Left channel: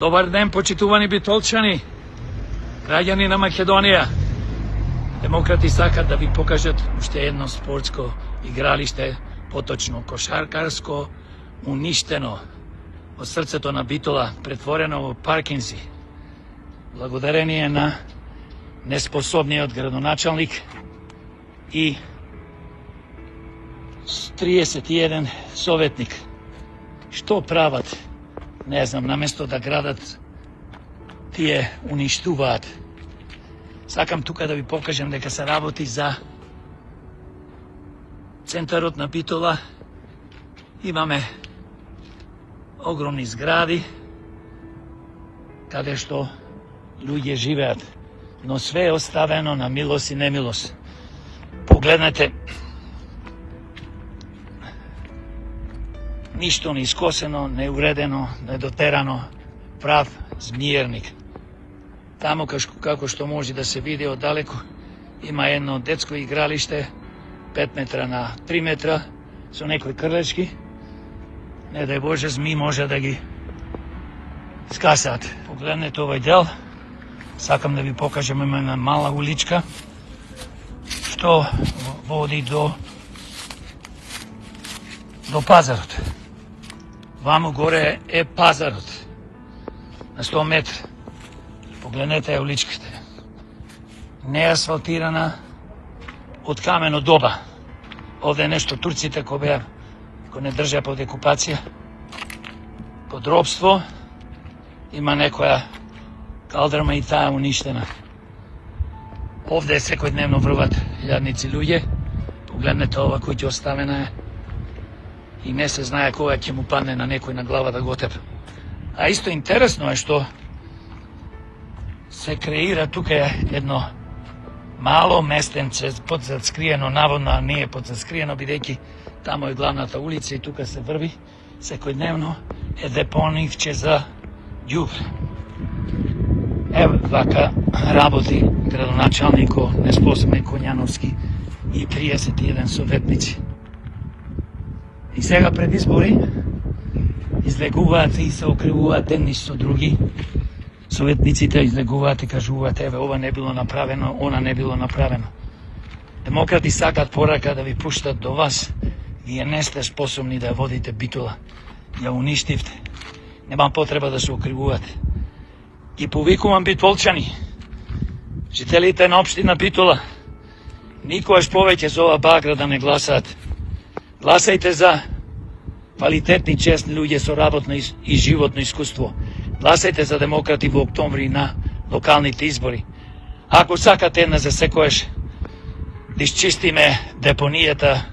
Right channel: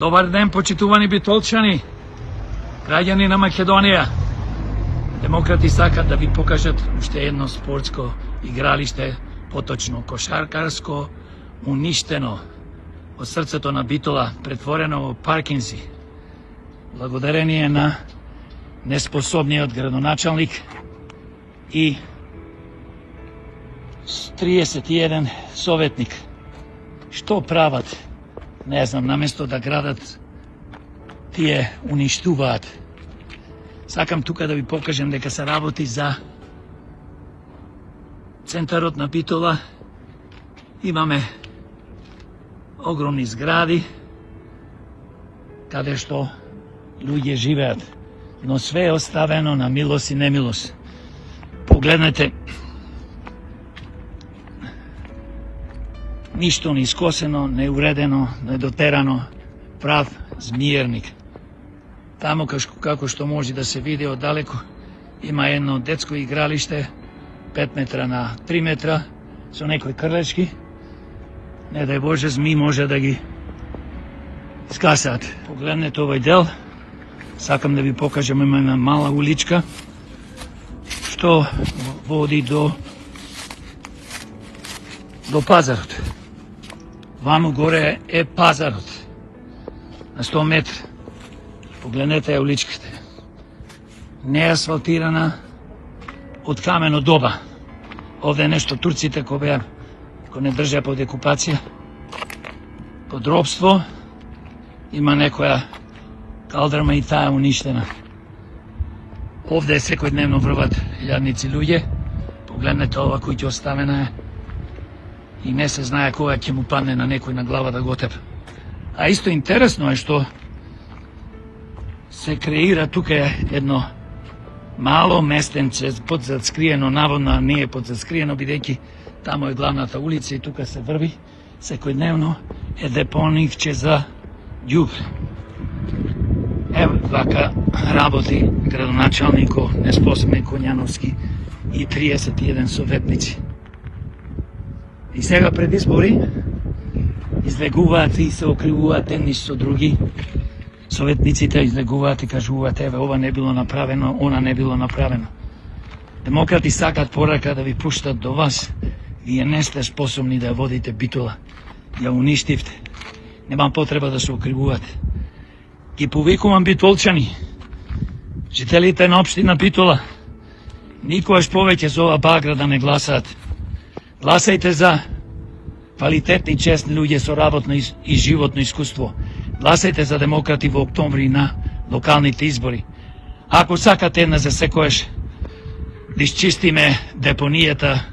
Добар ден, почитувани битолчани, граѓани на Македонија. Демократи сакат да ви покажат уште едно спортско игралиште, поточно кошаркарско, уништено од срцето на Битола, претворено во паркинзи. Благодарение на неспособниот градоначалник и 31 советник. Што прават? Не знам, наместо да градат, тие уништуваат. Сакам тука да ви покажам дека се работи за центарот на Битола. Имаме огромни згради, каде што луѓе живеат, но све е оставено на милост и немилост. Погледнете, ништо не искосено, неуредено, недотерано, прав змиерник. Тамо како што може да се види оддалеку, има едно детско игралиште, 5 метра на 3 метра, со некои крлечки. Не дај Боже, зми може да ги скасаат. Погледнете овој дел. Сакам да ви покажам, има една мала уличка, што води до пазарот. Ваму горе е пазарот. На 100 метра. Погледнете уличката. Не асфалтирана, од камено доба. Овде е нешто турците кој не држа под окупација, под робство. Има некоја калдрма и таа уништена. Овде секојдневно врват јадници луѓе. Погледнете ова куќа оставена е. И не се знае кога ќе му падне на некој на глава да го тепа. А исто интересно е што се креира тука едно мало местенце подзаскриено, наводно не е подзаскриено, бидејќи тамо е главната улица и тука се врви секојдневно е депонивче за ѓубре. Ево така работи градоначалникот неспособен Коњановски и 31 советници. И сега пред избори излегуваат и се окривуваат едни со други. Советниците излегуваат и кажуваат, еве, ова не било направено, она не било направено. Демократи сакат порака да ви пуштат до вас. Вие не сте способни да водите Битола. Ја уништивте. Немам потреба да се окривувате. Ги повикувам битолчани, жителите на општина Битола, никогаш повеќе за ова багра да не гласаат. Гласајте за квалитетни, честни луѓе со работно и животно искуство. Гласајте за демократи во октомври на локалните избори. Ако сакате една за секојаш да исчистиме депонијата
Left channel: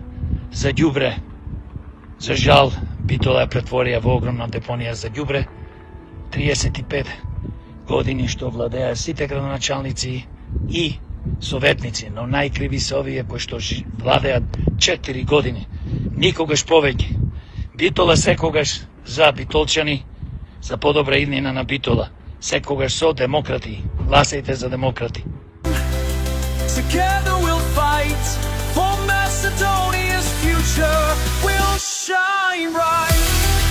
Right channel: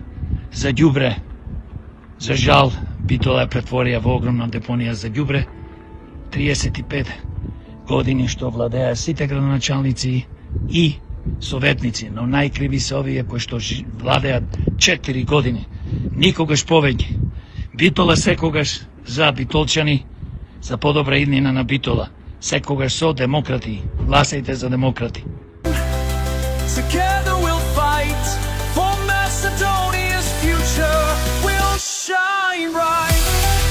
за ѓубре, за жал, Битола ја претворија во огромна депонија за ѓубре. 35 години што владеа сите градоначалници и советници, но најкриви се овие кои што владеат 4 години. Никогаш повеќе. Битола секогаш за битолчани, за подобра иднина на Битола. Секогаш со демократи. Гласајте за демократи. Together we'll fight for Macedonia's future. We'll shine bright.